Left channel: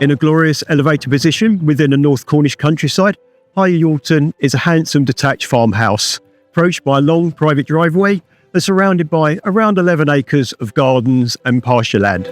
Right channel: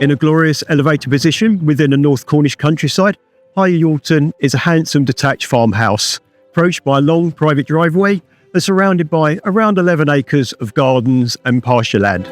In a glorious elevated position within the North Cornish countryside, High Youlton is a handsome detached farmhouse, approached by a long private driveway and surrounded by around 11 acres of gardens and pasture land.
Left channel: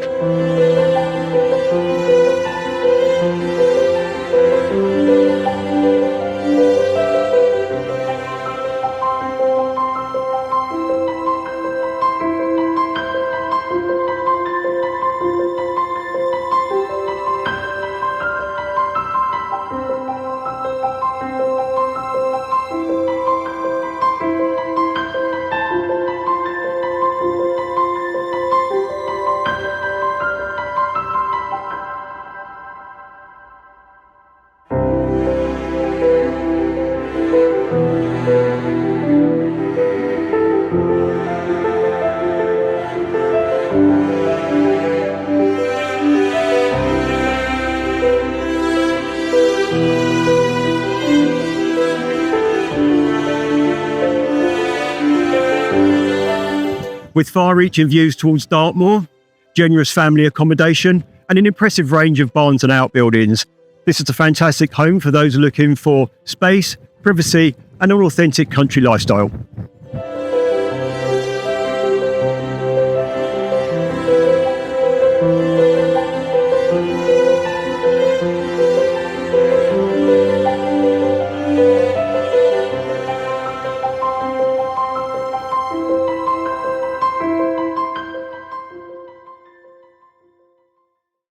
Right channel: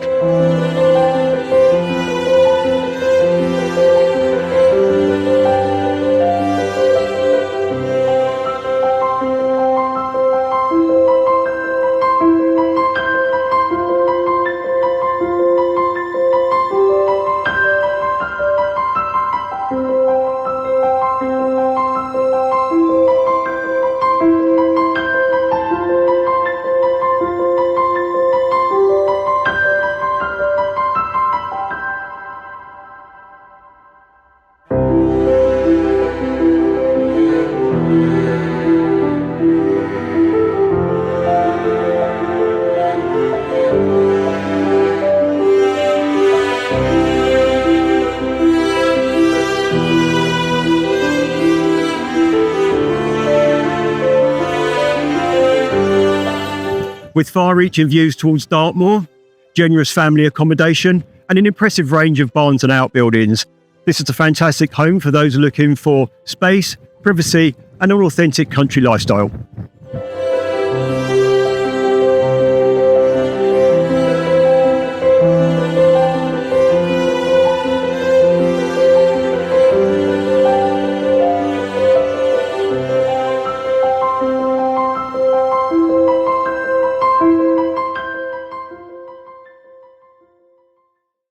With far-reaching views towards Dartmoor, generous family accommodation, and an impressive range of barns and outbuildings, this is a fantastic home for those looking for space, privacy, and an authentic country lifestyle.